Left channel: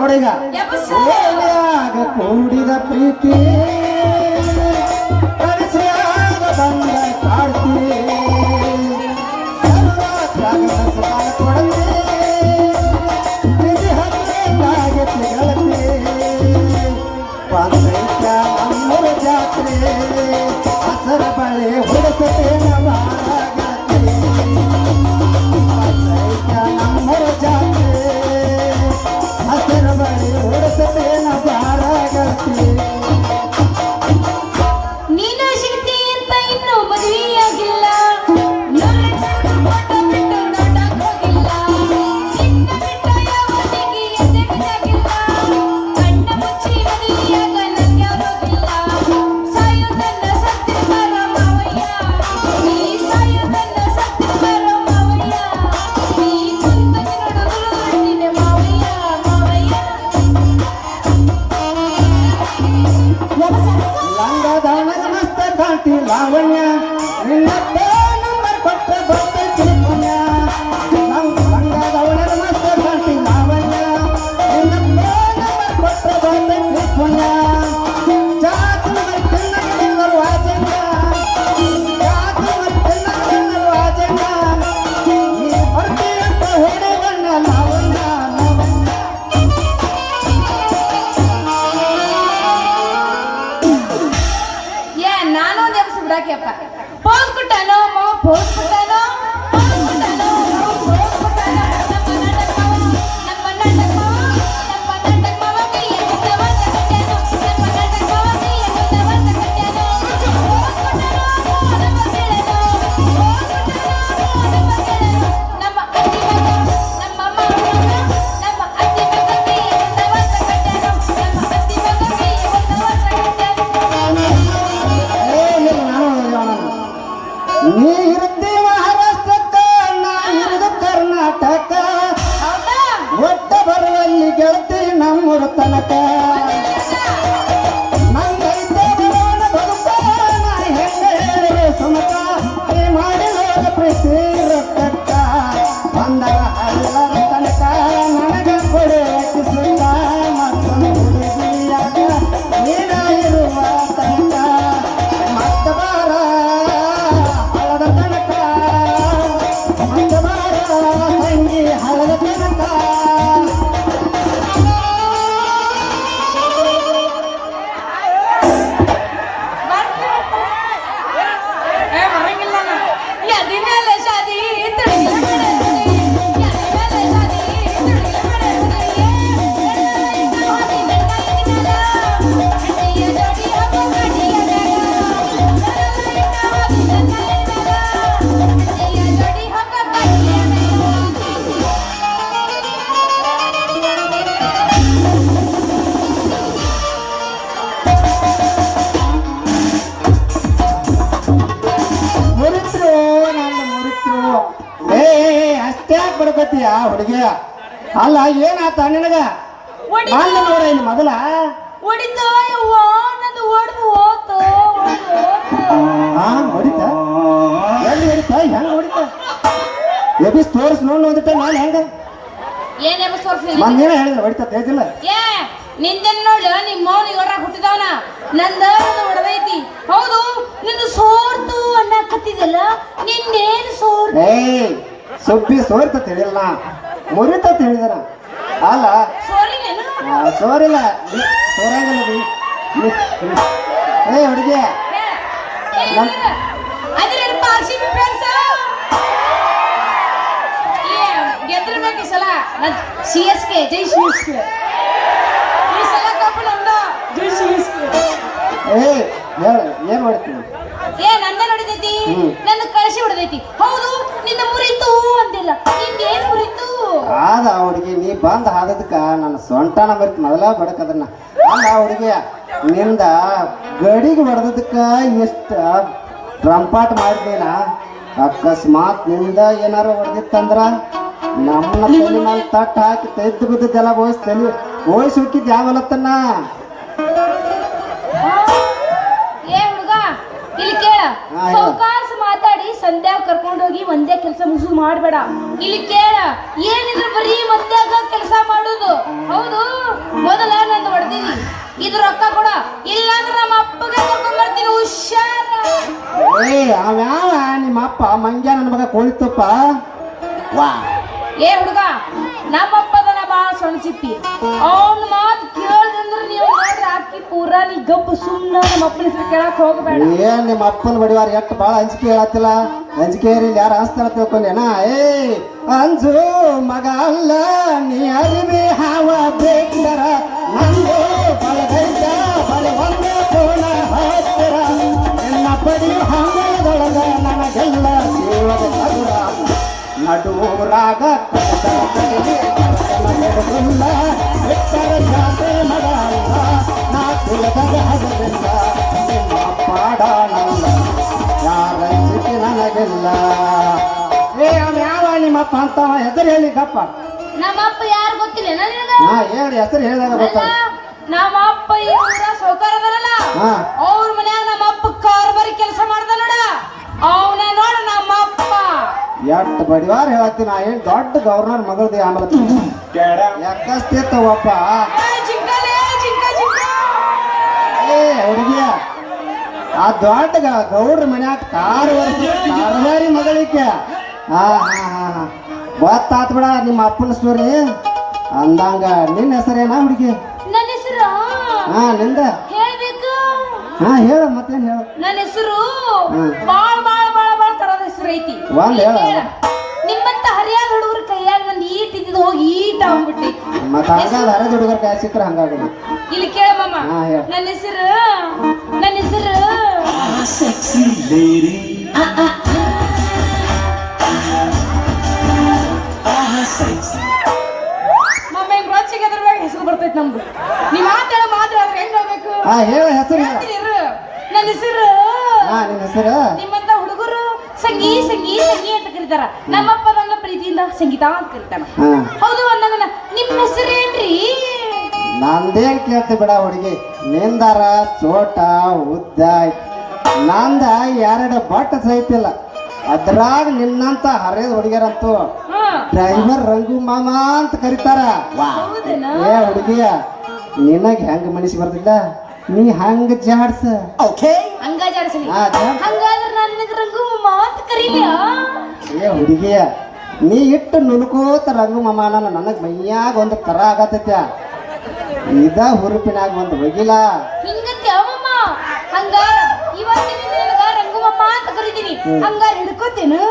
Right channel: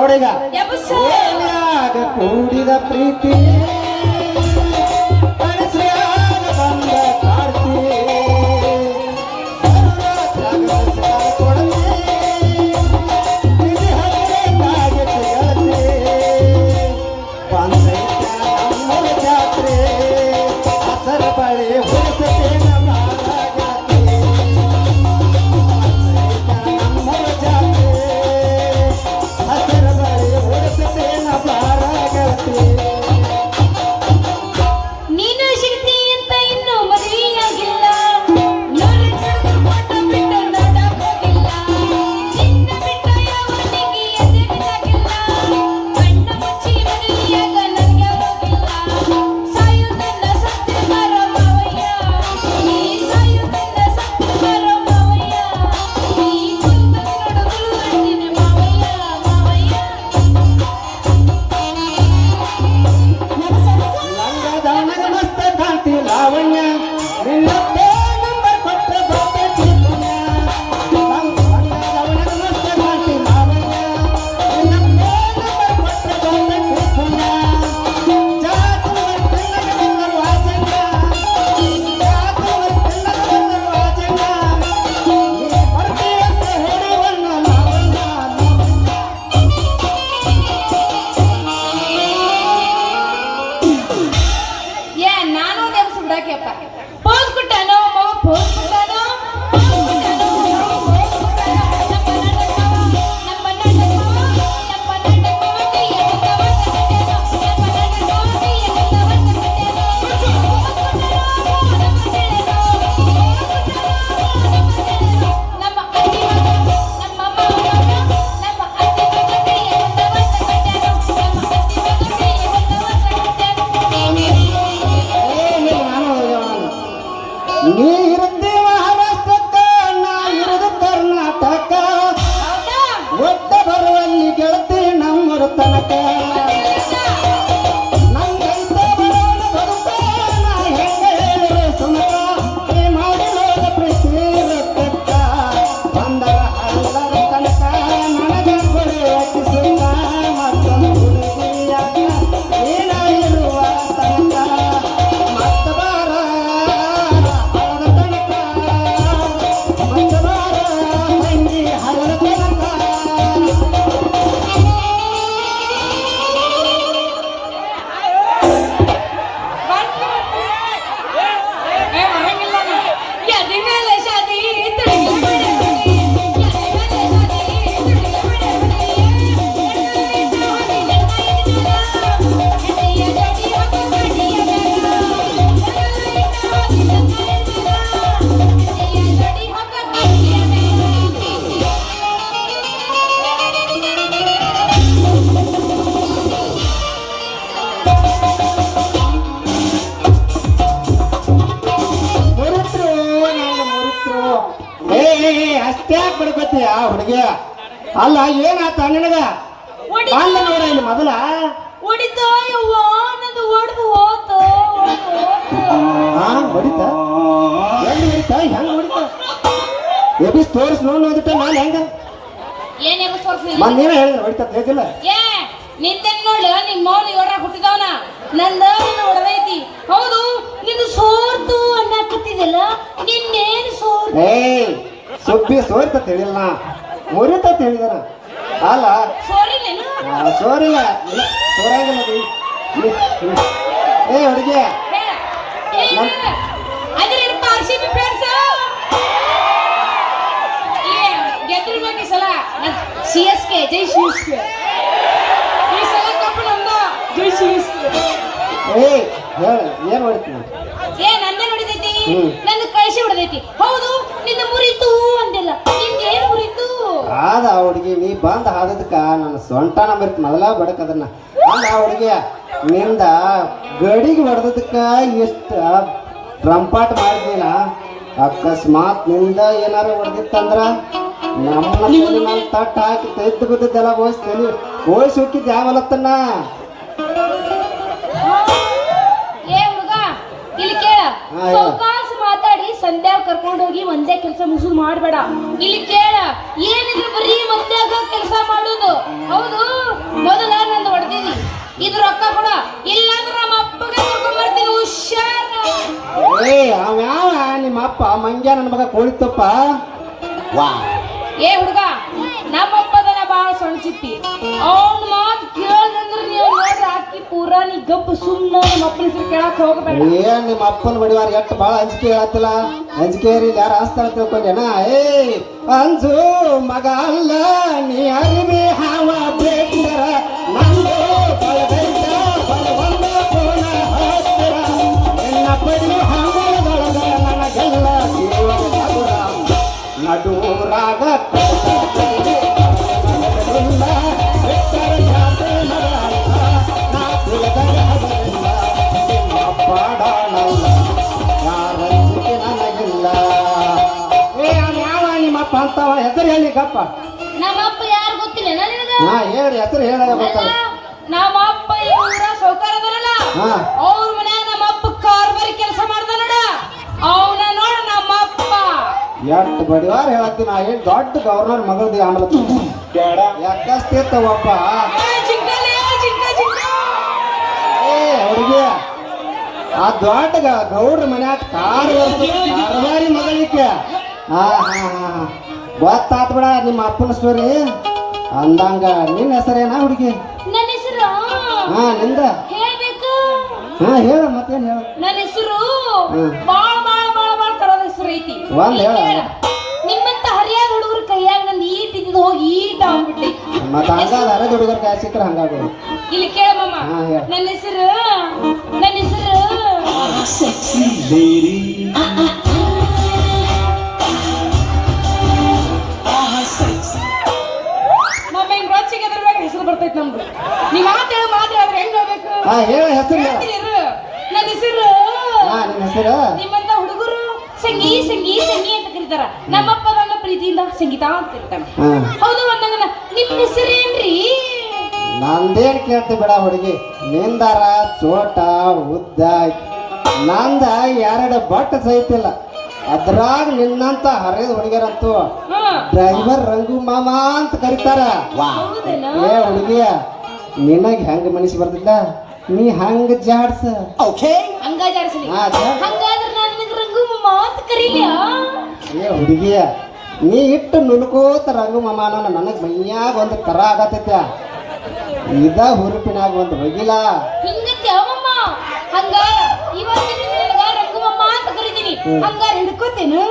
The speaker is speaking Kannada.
ನೋಡಿಗ ಎಬ್ಬಸು. ಏನಾಗ ಕೂಡಿದ ಪ್ರೀತಿ ಕನಸ್ಯಾಗ ಬಂದ ಕಾಡ್ತಿ ಸರ್ವತ್ರಾಗ ಕೊಡತೆ ಪ್ರೀತಿ ಹಬ್ಬಕ್ಕಾಗೈತಿ ಗೆಳತಿ ಬಂದೈತ ನಮ್ಮೂರ ಜಾತ್ರೆ ಹಸರ ಬಳೆ ಹೊರಸತೇನ ಬಾಳಾಗತ್ತೆ ಬಂದೈತ ನಮ್ಮೂರ ಜಾತ್ರೆ ಹಸರ ಬಳೆ ಹೊರಸತೇನ ಬಾಳಾಗತ್ತೆ ನೀನು ಸಿಗ್ತಿ ಅಂತ ಇನ್ನು ಮದುವೆಯಾಗಿಲ್ಲ ನೋಡಕ್ಕೆ ಫೋಟೋ ಬಿಟ್ಟು ನೋಡಕ್ ಹೋಗಿಲ್ಲ ನಿನ್ನ ಬಿಟ್ಟು ಯಾವತ್ತಿಗೆ ಎದೆಗಿದಾಗಿಲ್ಲ ಕಣ್ಣ ಮುಚ್ಚಿ ಮದುವೆಯಾಗ ನಂಗೆ ಹೋಗಿಲ್ಲ ಸಾಯುವುದನ್ನ ಸತ್ಯ ಬರ ಮಾವಯ್ಯ ನೀ ಸಾಯುವುದನ್ನ ಸತ್ಯ ಬರ ಮಾವಯ್ಯ ನೀ ಕುಂತ ನಡುಗುಲು ಮಾಡ್ತಿದೆ ಮಾವಯ್ಯ ಮಾವಯ್ಯ ಲಂಗದಾನದ ಮಸ್ತ ಕಾಂತಿ ಲಾವಣ್ಯ ನಿನ್ನಪ್ಪ ನಂಬರ್ ಕೊಟ್ಟ ಬರ್ತೈತಿ ಪುಣ್ಯ ಲಂಗದಾನದ ಮಸ್ತ ಕಾಂತಿ ಲಾವಣ್ಯ ನಿನ್ನಪ್ಪ ನಂಬರ್ ಕೊಟ್ಟ ಬರ್ತೈತಿ ಪುಣ್ಯ ಜಾತು ಮತ್ತಿನ್ನರು ಆಜಂಗ ಜಾತು ಮತ್ತಿನ್ನರು ಆಜಂಗ ನೀ ಹೊರಟಿಯಪ್ಪ ಹೊಡಿ ಬಣ್ಣ ಲಾವಣ್ಯ ಏ ನಾನು ನೆನಸು ಬಿಡಾಕೆಪ್ಪ ಪೋಸ್ ಕೊಟ್ಟಾನೋ ಮಾವ ಪೋಸ್ ಕೊಟ್ಟಾನೋ ನೀ ಇರುತ್ತಿ ಮಹಾರಾಷ್ಟ್ರಕ್ಕ ನಾ ಇರುದು ಕರ್ನಾಟಕ ಒಟ್ಟ ಬರುವಲ್ಲಿ ಗೆಳತಿ ನಮ್ಮೂರ ತನಕ ನಂದೈತೆ ಬರೋಣ ಬದುಕ ನಾ ಹೆಂಗೆ ಹೇಳಿದೆ ಸುಮಕ ನೀ ಮಾಡಿದ ಪ್ರೀತಿ ರೊಕ್ಕಕ್ಕ ಬಂದರ ಅಲ್ಲರ ತನಕ ನನಗ ಕೊಡುವಕ್ಕೆ ಸುಖ ಮತ್ತೊಂದು ಹುಡುಗಿಯಾಗ ನೀನ ಇರುವ ತನಕ ಮತ್ತ ಬಾರ ಹಳದ ತನಕ ಮತ್ತ ಬಾರ ತಂಗಿ ಹಳದ ತನಕ ಮುರಿತ್ರು ನಾನು ಮುರಿತ್ರು ಏ ಅಷ್ಟೇ ಬಡಪತಿಯ ಹುಡುಗಿಯ ಅಲ್ಲ ಏನಾತ ನಿನಗ ನಾನು ನೋಡ ಇಲ್ಲಿ ಮೊದಲ ಹೊಡಿತು ಯವ್ವ ನಂದು ಹೊಡೆದು ಹೋತು ಹಾ ಹೊಡಿತ ಎಲ್ಲಿ ಹೊಡಿತ ಹೆಂಗ್ ಹೊಡಿತ ಎಬಿಸ್ ತೋರ್ಸ್ ನೋಡಿಬಿಟ್ಟೆ ನಾನು ಹೆಂಗ ಏನ್ ಎಬ್ಬ ತೋರ್ಸ್ಲಿ ನೀನೇ ಹೇಳಿದ್ರೆ ಹೊಡಿತ ತೇಜಿಲ್ಲ ಏ ನಿಂದನ್ ನೋಡು ನಿಮ್ಮ ಮೌನಿ ಹೊರ ಹುಟ್ಟಿದವನ ನಂದ ನನ್ನ ಹೊಡೆದೈತಿ ಹೌದು ನಿನ್ನ ಸೋರ್ತು ಅನ್ನಕತ್ತಿದಲ್ಲ ನಿನ್ನೇನು ಸೋರ್ ಏಯ್ ಸುಬ್ಬಿ ಸೋರ್ತ ತಿಳಿಯಲ್ಲ ಮುರಿತ ತಿಳಿದಾರ ಅಲ್ಲ ಸಾರಿ ನೀನು ಸೋರಿಲ್ಲ ಸೋರಾಗಿಲ್ಲ ಏ ಹುಡುಗಿ ಅದ್ರ ಪಾರ್ಸಿ ಫ್ರೆಂಡ್ಸ್ ಗೆದ್ದಿರ್ಬೇಕು ಈ ಸಲ CSK ಜೈ CSK ಈ ಸಲ ಕಪ್ಪು ನಮ್ದ ಜೈ CSK ಏ ಹೇಳು ಏನ್ ಮಾಡ್ತೀನಿ ಏ ನಂದ ನೋಡಿದೈತಿ ನನ್ನ ಕಳಿಸಿ ಹೊಡೆದೈತಿ ಹೌದು ನಿನ್ನ ಮುರಿತು ಅಂದಿಲ್ಲ ನಿನ್ನೇನ್ ಮುರಿತು ಆದ ಹುಡುಗಿ ನೀ ಬಂದ್ ಆದದಕ್ಕ ನನ್ನ ಸೊಂಟನ ಬರೀತಿ ಮೊದಲ ಬಡಕ್ ಅದನ್ನ ಅಲ್ಲ ಹುಡುಗಿ ನಿಂದ ಗಡಿಗೆ ಹೊಡೆದಕ್ಕ ಎಷ್ಟ ಡ್ರಂಪಾಟ್ ಮಾಡ್ದೇನ ಅಕಸ್ಮಾತ್ ನಿಂದ ಏನಾರ ಹೊಡೆದಿತ್ತಂದ್ರ ನಮ್ಮ ತಟ್ಟ ಹಾಕಿ ತೆದ್ದು ಬಿದ್ದೆಲ್ಲ ಬೋಯಿಸ್ತೇನೆ ಬೋಯಿಸಿ ಹೋಗಿದ್ ಯಾವಲತ್ತನ್ನ ಸಾವಕಾಶ ಮಾತಾಡಿ ಸಂಧ್ಯಾಗ ಕರ್ಕೊಂಡೋಗಿ ಒಂದೇ ಕೆಲಸ ಮುಗಿಸು ಮಾಡಬೇಡ. ಇಲ್ಲಿ ಕೇಳ, ಏನಿದ್ರೆ ಬರೀ ಮಂದ್ಯಾಗ ಕೆಲಸ ಮಾಡೋದು. ಹೌದು ಮೊದಲ ನಂದು ಹೊಡೆದಿದ್ದಿ ಇದು ರೊಕ್ಕ ಕೊಡ ಇಲ್ಲಾಂದ್ರೆ ನಮ್ಮ ಅಪ್ಪಗೆ ಕರ್ಕೊಂಡ್ ಬರ್ತೀನಿ ಹುಷಾರ. ಏ ಅವ್ಯಾವ ನಿಮ್ಮ ಅಪ್ಪ ಮಂಗ್ಯ ನನ್ನ ಮಗ ಕೋಳಿ ತುಪ್ಪ. ಏ ಹುಡುಗ ನಮ್ಮಪ್ಪದನ ಬಾಳ ಸಣ್ಚಿತ್ತಿ ಅವ್ನ ಮಾತು ಕೇಳಿದ್ರೆ ನೀವು ರಾತ್ರಿ ಪೂರ ನೀ ಗಪ್ಪ ಸುಮ್ಮನ ನಮ್ಮ ಅಪ್ಪನ ಹೆಸರು ಕೇಳಕ್ ಹೋಗಬೇಡ. ಏನ್ ನಿಮ್ಮ ಅಪ್ಪನ ಬಡಿವಾರ ಎಷ್ಟು ಬಾಳ ಅಂಜಿಕೆ ಹೇಳತ್ತಿಲ್ಲ. ಅಂಜಿಕೆ ಯಾರು ಹಸ್ತಾರ ತಿಳ್ಕೊಂಡೇನ? ಏ ಅಂಜು ಮಗ ಅಲ್ಲ ನೀ ಅರಿವಿ ಹಾವ ಬೇಕಂದರ ನಂದು ಬಳಗೈತ ಬಲವನ್ನ ಕೋಣ ಹತ್ತಿರ ನಿನ್ನ ಪಡಿ ಹಂಗದೊಳಗ ನನಗೆಲ್ಲ ದೇವರ ನಡುರಾಗ ನಿಮ್ಮಪ್ಪ ಅಂತವ ಹೆಸರು ಹೇಳಿ ಗಪ್ಪ. ನಮ್ಮಪ್ಪ ಯಾರು ಗೊತ್ತಿಲ್ಲ ನನಗ. ಹಾ ಹೇಳಿ ಹೆಸರು ಹೇಳಿದಾಗ ಗೊತ್ತಲ್ಲ. ನಮ್ಮ ಅಪ್ಪ ಈ ಊರ ಸೌಕರ್ಯದಲ್ಲ ಹಾ ಅವ್ರ ಮನ್ಯಾಗ ನಮ್ಮ ಅಪ್ಪ ಕಾರ್ಬಾರಿ ಕೆಲಸ ಮಾಡ್ದ ನೋಡ ಅವನ ನೋಡ ನಮ್ಮ ಅಪ್ಪ ಎಷ್ಟು ಬಡಿವಾರ ಹೇಳ್ತೀನಿ. ನಾ ಏನ್ ದೊಡ್ಡ ಗವರ್ನರ್ ಮಗಳದಿ ಅನ್ಬತ್ತಿ ಯಾಕಸ್ತಿತ್ತವಪ್ಪ. ಏ ಹುಡುಗಿ ಆ ದೊಡ್ಡ ಗೌಡ್ರ ಮನ್ಯಾಗ ಕಾರ್ಬಾರಿ ಮಗಳಿಕೆ. ಹಾ ಹಾ ಹಾ ಗೊತ್ತಾತ್ ಬಿಡ ನಿಮ್ಮ ಅಪ್ಪನ ಸ್ಟೋರಿ ಅಂದಂಗ. ನಿನ್ನ ಹೆಸರೇನಾ ಹುಡುಗಿ? ನನ್ನ ಹೆಸರು ಹಾ ನಿಂದ ಹೇಳ್ಬೇಕು. ಹಾ ಹೇಳ ಮತ್ತೇನ್ ಹೇಳ. ನನ್ನ ಹೆಸರು ಬಾಳ ಬಾಳ ಬಾಳ ಬಾಳ ತರದ ಹೆಸರು ಐತಿ. ಒಂದ್ ಹೇಳ. ನಿಮ್ಮಂತ ಹರಿಯಾದ ಹುಡುಗರ ಕೈಯಾಗ ಒಂದ್ ಈಟ್ ಇದ್ದಿದ್ದು ಹೋಗಿ ಈಟ್ ಆಗ್ಬಿಟ್ಟಿ. ಮತ್ತ ಹಂಗಾದ ಹರದ ಹುಡುಗರ ಕೈ ಸಿಕ್ಕರ ಹಂಗಾಗ. ಇಲ್ಲಿ ಕೇಳ ಮಾಮ. ಹಾ ಹೇಳ. ನನ್ನ ಹೆಸರು sexy lady. Sexy. ಮಾಮ ಏನ್ ರೊಚ್ಚಿಗೆ ಅದ್ರ ಮ್ಯಾಗ ಹೆಸರು ಬರ್ತೈತಿ ನಮ್ದು. ನೀ ಮಾತಾಡಿದ್ರೆ ಹೆಂಗ್ ಹೋಗ್ಬೇಕು? ಹಾ ಹೇಳ ಹೆಸರು ಹೇಳ. ನನ್ನ ಹೆಸರು ಹಾ ನಿನ್ನ ಹೆಸರು? ನಿಮ್ಮಂತ ಹುಡುಗರು ಸಂಗೀ ಸಂಗೀ ಸಂಗೀ ಅಂತ ಕರೀತಾರ. ನಮ್ಮಪ್ಪ ನನ್ನ ಪ್ರೀತಿಯಿಂದ ಸಂಗೀತ ಅಂತ ಕರೀತಾನ. ಹೌದು ಅಂದಂಗ ನಿಮ್ಮ ಹೆಸರೇನ್ರಿ? ನಂದೇನ್ ಕೇಳ್ತಿ ಬಿಡ ಹುಡುಗಿ. ನಿಂದಾರ ಚೋಟ ಉದ್ದ ನಂದ ಎರಡು ಬಟ್ ಸಹಿತಿಲ್ಲ. ಅದ್ರಾಗ ನಿನ್ನಂತ ಹರಿದ ಹುಡುಗಿಯರಂತೂ ಡ್ರೈವರ್ ರಂಗು ಮಾಮ ಅಂತ ಕರೀತಾರ. ಏ ಹುಡುಗಿಯ ನಿನಗ್ ಹೆಂಗ ಮನಸ್ಸಿ ಬರ್ತಿಲ್ಲ? ನೀ ಹಂಗ ಜಾಡ್ಸ. ಹಂಗ ಜಾಡ್ಸಲಿ. ಹಾ ಹಂಗಾದ್ರೆ ನಾನು ನಿನಗೆ ರಂಗು ಮಾಮ ಅಂತ ಕರೀಲಿಯಾ? ಏ ಹುಡುಗಿಯ ನೀ ಇಟ್ಟು ನುಲ್ಕೋತ ರಂಗು ಮಾಮ ನನಗ್ ಮೈಯಾಗ ಒಂದು ತರ ಆಗತೈತ್ಯ. ಇದ ಹುರುಪಿನಾಗ ಒಂದು ಹೋಗಿಲ್ಲ ಹಿಂಗಂತೆ ಅವಮ್ಮ. ಹಂಗ ಇವತ್ತಿನ ರಂಗು ಮಾಮ ಅಂತ ಕರಿತೀನಿ. ಹಂಗಾರೆ ಹಿಡ್ಕೋತೇನು?